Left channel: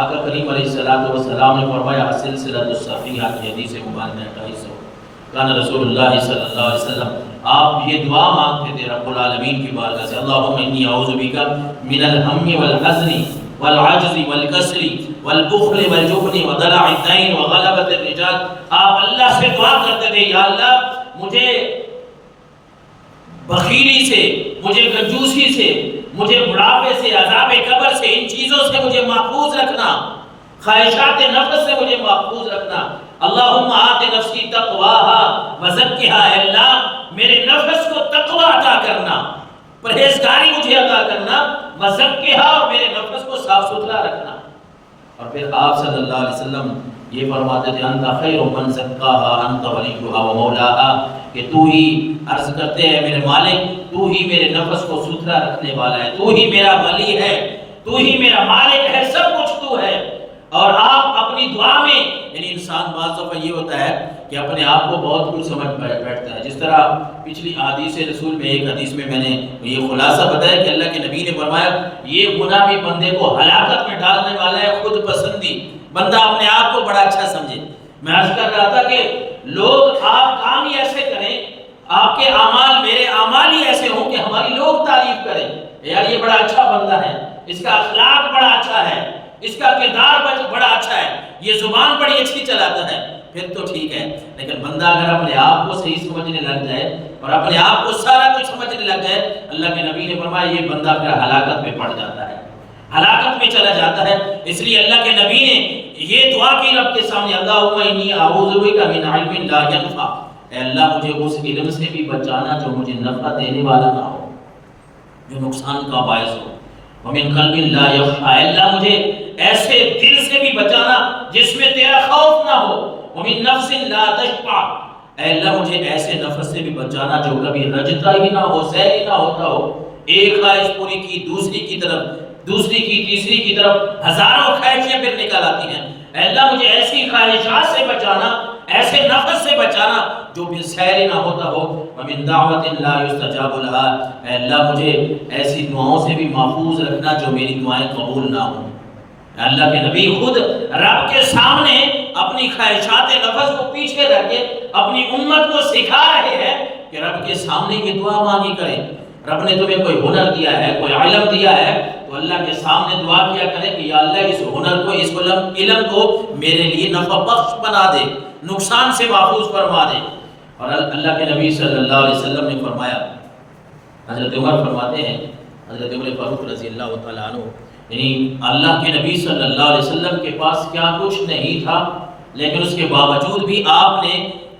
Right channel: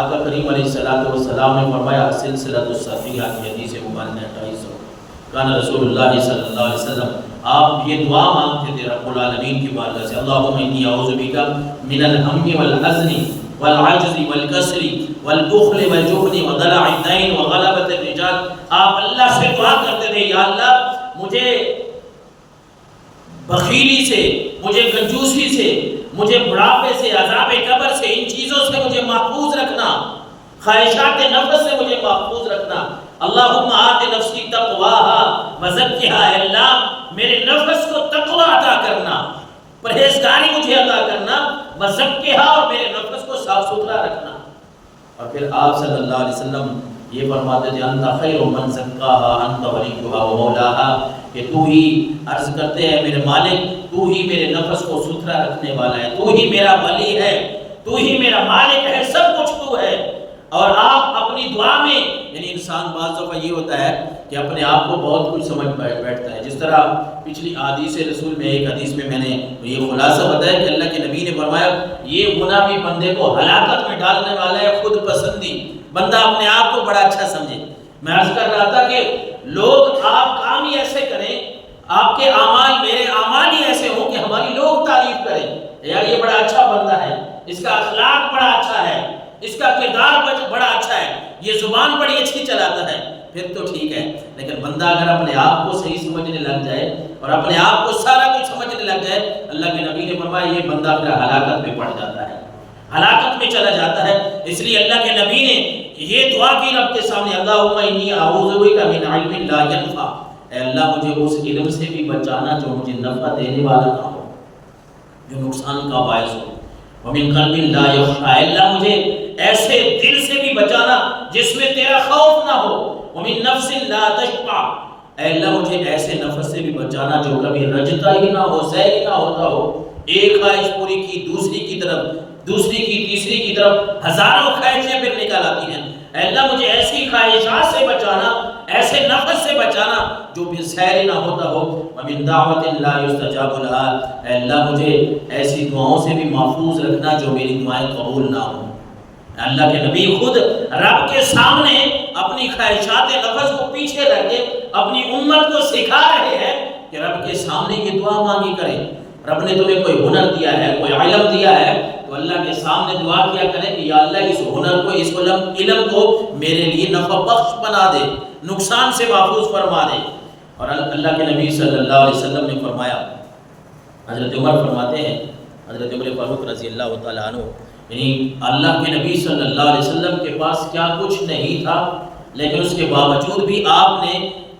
آقا کریم علیہ السلام نے فرمایا سلسلۃ الصحیحہ کی حدیث مبارکہ 2800 کان رسول اللہ صلی اللہ علیہ وسلم آپ یہ دعا مانگتے تھے رب العالمین کی بارگاہ سے اللہم انی اعوذ بک من الہم والحزن والعجز والکسل والبخل والجبن ودلع الدین وغلبۃ الرجال. آپ اللہ سے دعا کرتے تھے یا اللہ مجھے بخیلی سے، مجھے کنجوسی سے، مجھے بڑھاپے سے، عذاب قبر سے، ان چیزوں سے مجھے محفوظ رکھنا، خواہشات نفس سے مجھے محفوظ رکھنا. اللہم آت نفسی تقواہا وزکھا، اے اللہ میرے نفس کو تقوی عطا کرنا، پرہیزگاری مجھے عطا کرنا، وزکھا اور میرے نفس کو صاف ستھرا رکھنا. اور پھر آپ صلی اللہ علیہ وسلم یہ فرماتے تھے انت خیر من زکاہا انت ولیہا و مولاہا، کہ تو ہی عرض کرتے ہیں میرے مالک تو ہی میرے نفس کو ستھرا رکھنے والا ہے، تو ہی میرا ولی ہے، تو ہی میرا مالک ہے، سب کچھ تو ہے. اور آپ اپنی دعا میں یعنی انسان بعض دفعہ یہ ہوتا ہے کہ اپنے آپ کو بہت کچھ سمجھ بیٹھتا ہے. جس طرح پچھلی حدیث رسول میں ایک حدیث میں نے یہ خلاصہ بتایا کہ اللہ کے نبی نے فرمایا یہ گناہ بھی بندے کو ہلاکت میں ڈالنے والا ہے. خود پسندی بندہ اپنے آپ کو بڑا اچھا سمجھے. میں عرض کر رہا تھا کہ لوگ آپ کام ہی ایسے کریں، آپ کے اعمال میرے اعمال ہی ایسے ہوں کہ ہماری لوگ تعریف کریں یار یہ بڑا اچھا بندہ ہے، اس کا اخلاق بڑا اچھا ہے، اس کا کردار بڑا اچھا ہے، یہ زبان بڑی اچھی چلاتا ہے، پھر تو ٹھیک ہے. لیکن بندہ اگر اپنے آپ کو صحیح سمجھنے لگ جائے اور اپنے آپ کو سارا کچھ سمجھنے لگ جائے، اللہ کے نبی نے فرمایا یہ بندہ پھر ہلاکت میں پڑ جاتا ہے، ہلاکت میں چلا جاتا ہے. اس لیے اللہ کے نبی نے یہ دعا کی رب کے سامنے اللہم انی اعوذ بک من علم لا ینفع، اے اللہ مجھے اس علم سے بھی بچانا جو مجھے نفع دینے والا نہ ہو، جو نقصان کا باعث ہو. ومن قلب لا یخشع، اے اللہ مجھے ایسے دل سے بھی بچانا جس میں تیرا خوف نہ ہو. ومن نفس لا تشبع، اے اللہ مجھے ایسے نفس سے بھی بچانا جو کبھی رجتا ہی نہ ہو، سیر ہی نہ ہوتا ہو، ایک خواہش پوری کی دوسری کی طرف، دوسری کی تیسری کی طرف، ہزاروں خواہشیں پھر نکل آتی ہیں. اے اللہ مجھے ایسی خواہشات سے بچانا، ایسے نفس سے بچانا جو بھی سیر نہ ہوتا ہو. ومن دعوت لا یستجاب لها، اے اللہ مجھے ایسی دعاؤں سے بھی محفوظ رکھنا جو میری دعائیں قبول نہ ہوں. اللہ کے نبی خود رب کے سامنے اپنی خواہشات نفس کو پیچھے رکھ کے اپنی امت کو سکھا رہے ہیں کہ رب کے سامنے یہ دعا مانگی کریں. رب نے تمہیں کوئی ہنر دیا ہے، کوئی علم دیا ہے، تو اللہ کے سامنے دعا کیا کرے کہ یا اللہ اس ہنر کو، اس علم کو میرے لیے نفع بخش بنا دے، نقصان سے محفوظ فرما دے. اور اللہ کے نبی صلی اللہ علیہ وسلم نے فرمایا، حضرت عمر فرماتے ہیں، حضرت عمر فاروق رضی اللہ تعالیٰ عنہ، یعنی اللہ کے نبی صلی اللہ علیہ وسلم کے پاس کیا کچھ نہیں تھا، لیکن اس کے باوجود بھی آپ نے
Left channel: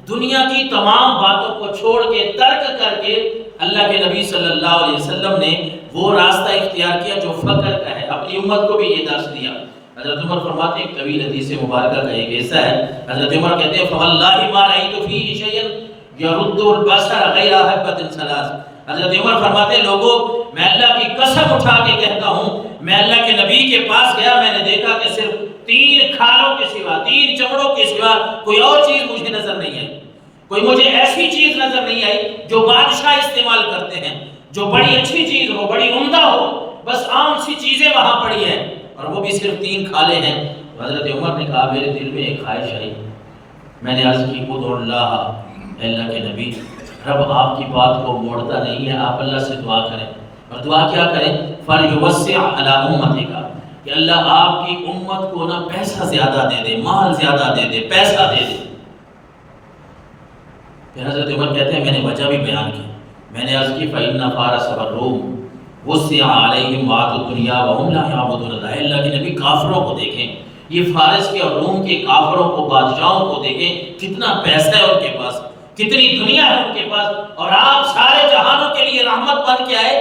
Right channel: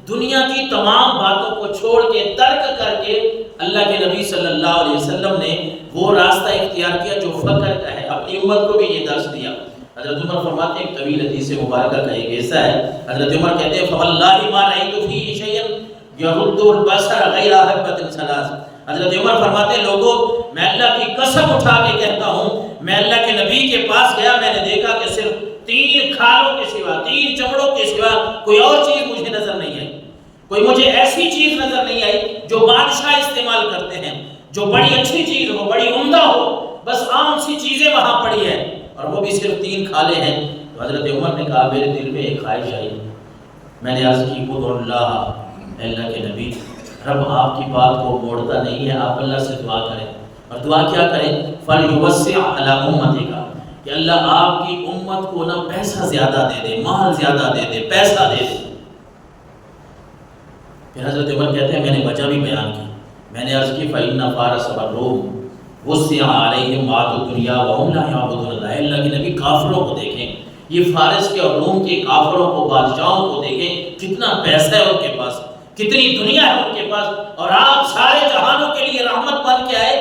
دنیا کی تمام باتوں کو چھوڑ کے، ترک کر کے اللہ کے نبی صلی اللہ علیہ وسلم نے وہ راستہ اختیار کیا جو فقر کا ہے. اپنی امت کو بھی یہ درس دیا. حضرت عمر فرماتے ہیں، ایک طویل حدیث مبارکہ کا ایک حصہ ہے، حضرت عمر کہتے ہیں فواللہ ما رأیت فیہ شیئا یرد البصر غیر حبۃ ثلاث. حضرت عمر فرماتے ہیں لوگوں میں اللہ کی قسم اٹھا کے کہتا ہوں، میں اللہ کے نبی کے پاس گیا، میں نے دیکھا کہ صرف 3 کھالوں کے سوا، 3 چمڑوں کے سوا کوئی اور چیز مجھے نظر نہیں آئی. کوئی مجھے ایسی چیز نظر نہیں آئی جو بادشاہ استعمال کرتے ہیں، جو بڑی اچھی چیز ہو، بڑی عمدہ ہو. بس عام سی چیزیں وہاں پڑی ہیں اور وہ بھی صرف 3 کھالے ہیں. تو حضرت عمر نے کہا میرے دل میں ایک خواہش آئی، میں نے عرض کی ادعو اللہ، اے اللہ کے نبی رب آپ کی بات کو موڑتا نہیں ہے، آپ اللہ سے دعا کریں. اور دعا کیا کریں؟ فَلْيُوَسِّعْ عَلَىٰ أُمَّتِكَ، کہ اللہ آپ کی امت کو نا پیسہ زیادہ دے دے، مال زیادہ دے دے، پیسہ دے دے. پھر حضرت عمر کہتے ہیں میں نے وجہ بھی بیان کی، میں نے عرض کی فَإِنَّ فَارَسَ وَالرُّومَ وُسِّعَ عَلَيْهِمْ مَالُ الدُّنْيَا وَهُمْ لَا يَعْبُدُونَ اللَّهَ. اللہ کے نبی کافروں کو دیکھیں، یہ فارس کے اور روم کے کافروں کو، بادشاہوں کو دیکھیں، کتنا پیسہ ہے ان کے پاس، کتنی دنیا ہے ان کے پاس، اور آپ سارے جہانوں کے لیے رحمت بن کے آئے،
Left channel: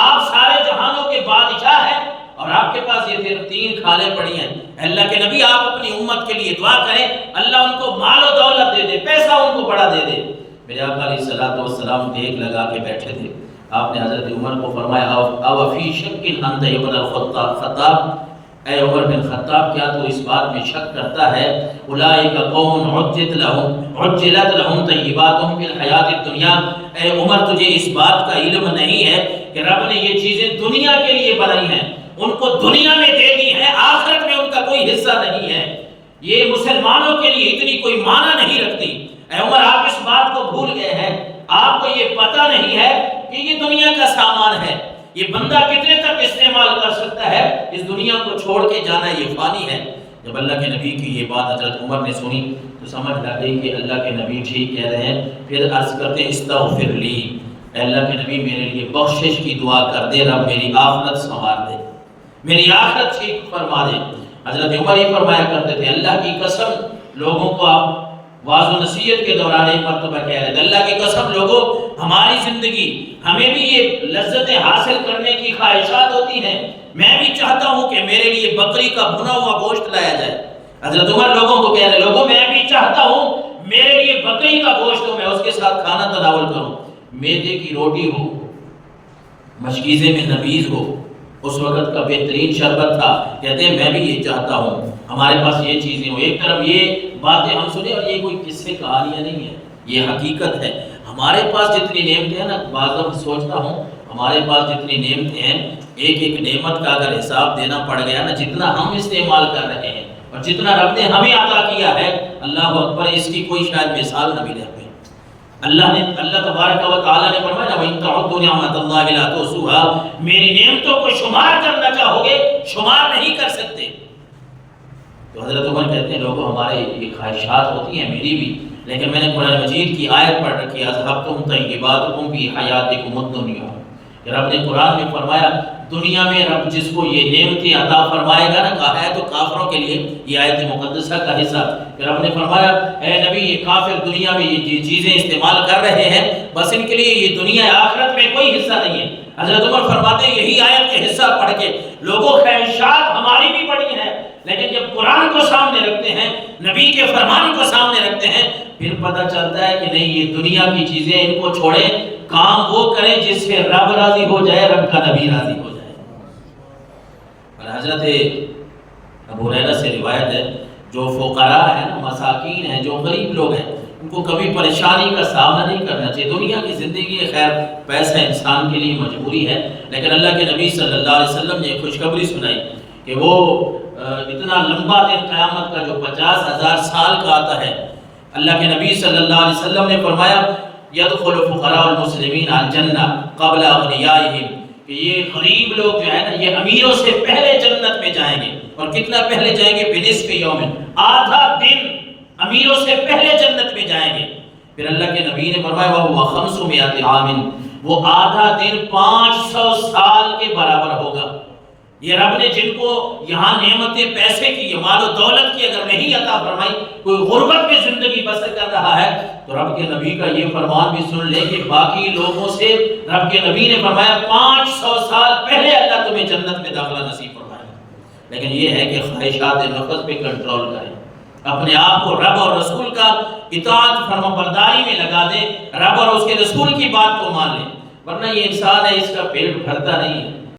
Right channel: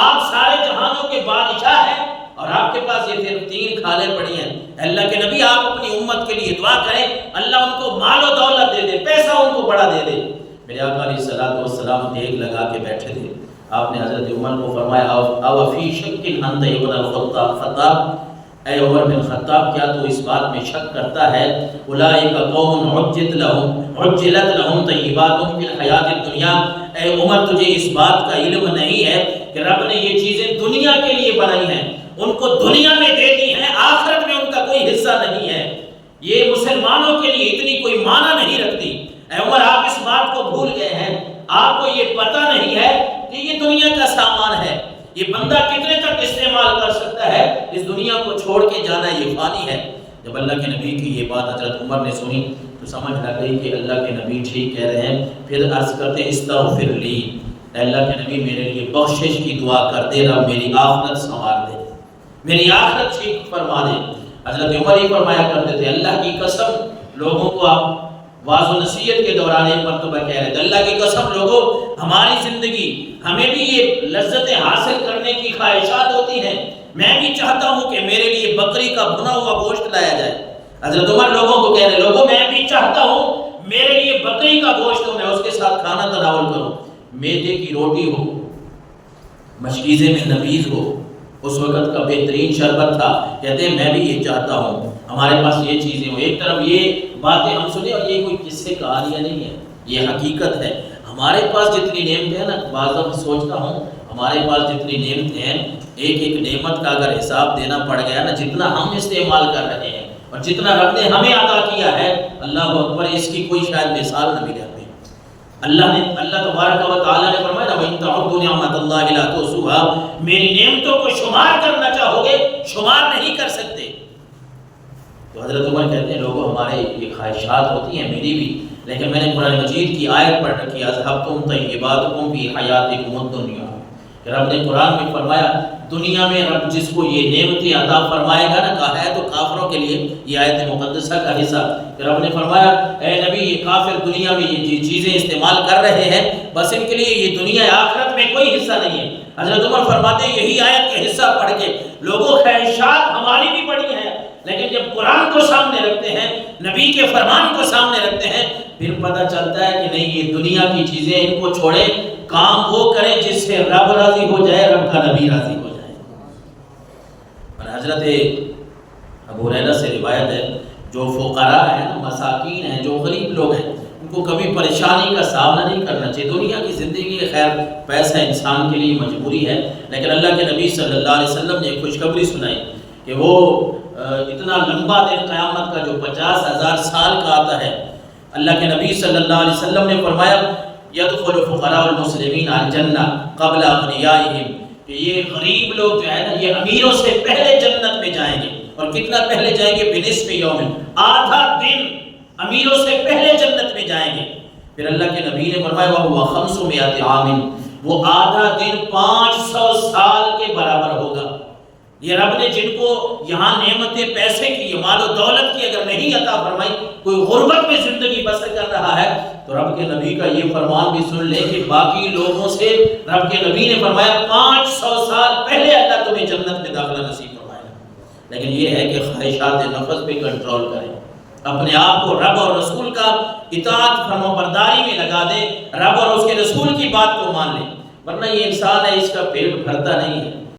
آپ سارے جہانوں کے بادشاہ ہیں، اور آپ کے پاس یہ صرف 3 کھالیں پڑی ہیں. اللہ کے نبی آپ اپنی امت کے لیے دعا کریں اللہ ان کو مال و دولت دے دے، پیسہ ان کو بڑا دے دے. میرے آقا علیہ السلام دیکھ لگا کے بیٹھے تھے. آپ نے حضرت عمر کو فرمایا او فی شک انت ابن الخطاب، اے عمر بن خطاب کیا تو اس بات میں شک کرتا ہے اولئک قوم عجلت لهم طیباتهم فی الحیات الدنیا. اے عمر تجھے اس بات کا علم نہیں ہے کہ رب نے یہ چیزیں دنیا کے لیے بنائی ہیں، ان کو دنیا میں دے دی ہیں، آخرت میں ان کا کوئی حصہ نہیں ہے، یہ مسلمانوں کے لیے اتنی کوئی معنی نہیں رکھتی۔ اے عمر، آپ اس بات کو بھول گئے ہیں، آپ کو یہ پتہ نہیں ہے کہ یہ دنیا کا سامان ہے، یہ بندہ کتنے تک استعمال کر سکتا ہے، اس دنیا کو چھوڑ کے جانا یہ فانی ہے۔ جب اللہ کے نبی کی یہ بات حضرت عمر نے سنی تو سمجھ لگ گئی کہ اللہ کے نبی ٹھیک کہہ رہے ہیں۔ پھر عرض کرتے استغفر لی، اے اللہ کے نبی میرے لیے بخشش کی دعا کر دے، رب میری آخرت سنوار دے، میری آخرت ٹھیک فرما دے۔ حضرت عمر ہی فرمایا کرتے تھے، اللہ کی قسم، لوگوں کو آپ واعظ و نصیحت کے دوران ایک مرتبہ کہہ رہے تھے، اللہ کی قسم لوگوں، ہماری زندگی، ہمیں بھی یہ لذتیں حاصل کرنے کی خواہشات ہوتی ہیں، میں بھی چاہتا ہوں کہ میرے لیے بکری کا بھنا ہوا گوشت لایا جائے۔ حضرت عمر لوگوں کو کہہ رہے، لوگوں میں بھی چاہتا ہوں میرے لیے بکری کا گوشت ہو، میں اس کے ساتھ کھانا تناول کروں، میدے کی روٹی ہو، مشکیزے میں نبیذ ہو، اس وقت کا بہترین شربت تھا۔ کہتے ہیں میں بھی یہ چاہتا ہوں ہمارے پاس یہ چیزیں ہوں۔ ایک طرف یہ باتیں ہم سنیں، اور یہ کوئی قصے کہانیاں نہیں ہیں، یہ حقیقت ہے۔ ہمارے پاس جتنی نعمتیں ہیں نا، بعض دفعہ سوچتا ہوں ہمارے پاس جتنی نعمتیں ہیں، ایک ایک نعمت کا اگر حساب دینا پڑ گیا نا، جتنا ہم استعمال کر رہے ہیں اور جتنا رب نے ہمیں عطا کیا ہے، اللہ اکبر، اس کی کوئی شاید مثال نہ ملے ہمیں۔ اللہ تبارک و تعالیٰ نے فرمایا وَإِن تَعُدُّوا نِعْمَتَ اللَّهِ لَا تُحْصُوهَا، میری نعمتوں کو شمار کرنا چاہو گے شمار نہیں کر سکتے۔ تو حضرت عمر کہتے ہیں لوگوں، ہمارے یہ خواہشات ہوتی ہیں، میری بھی، لیکن میں نے قرآن مجید کی آیت پڑھ رکھی اذھبتم طیباتکم فی حیاتکم الدنیا، کہ رب نے قرآن میں فرمایا دنیا میں رب جس کو یہ نعمتیں عطا فرمائے گا نا، کہا ہے تو کافروں کے لیے یہ آیت مقدسہ کا حصہ، کہ رب نے فرمایا اے نبی یہ کافر دنیا میں یہ چیزیں استعمال کر رہے ہیں، بس ان کے لیے یہ دنیا آخرت میں کوئی حصہ نہیں ہے۔ حضرت عمر فرماتے ہیں یہی آیت کے حصہ پڑھ کے لوگوں، خواہشات ہماری بھی بڑی ہیں، لیکن جب قرآن کو سامنے رکھتے ہیں، نبی کے فرمان کو سامنے رکھتے ہیں، پھر پتہ چلتا ہے کہ نہیں، یہ دنیا کی چیزیں ان کو چھوڑیں، کام وہ کریں جس سے رب راضی ہو جائے، رب کا نبی راضی ہو جائے۔ اور حضرت ابو ہریرہ سے روایت ہے، جو فقراء ہیں نا، مساکین ہیں، جو غریب لوگ ہیں، ان کو کبھی پریشانی کا سامنا نہیں کرنا چاہیے۔ دنیا کی زندگی ہے، خیر پیسہ انسان کے لیے مجبوری ہے، لیکن اللہ کے نبی صلی اللہ علیہ وسلم نے خوشخبری سنائی کہ وہ اتنا لمبا دن قیامت کا جو 50,000 سال کا آتا ہے، اللہ کے نبی صلی اللہ علیہ وسلم نے فرمایا یدخل فقراء المسلمین الجنہ قبل اغنیائہم، کہ یہ غریب لوگ جو ہے نا، یہ امیروں سے پہلے جنت میں جائیں گے، اور کتنا پہلے جائیں گے؟ بنصف یوم، آدھا دن امیروں سے پہلے جنت میں جائیں گے۔ پھر اللہ کے نبی نے فرمایا وَهُوَ 500 عام، وہ آدھا دن 500 سال کے برابر ہوگا۔ یہ رب نے جن کو یہاں نعمتیں پیسے کی، مال و دولت کی اگر نہیں عطا فرمائی، کوئی غربت میں زندگی بسر کر رہا ہے، تو رب کے نبی کا یہ فرمان بھی سن لے کہ باقی لوگوں سے رب کے نبی نے فرمایا 500 سال پہلے اللہ تمہیں جنت میں داخلہ نصیب فرمائے گا۔ لیکن یہ ہے کہ خواہشات نفس پہ کنٹرول کریں، اپنے آپ کو رب اور رسول کا اطاعت فرما برداری میں لگا دیں، رب اور اس کے رسول کی بات کو مان لیں، ورنہ یہ انسان ہے، اس کا پیٹ بھرتا نہیں ہے۔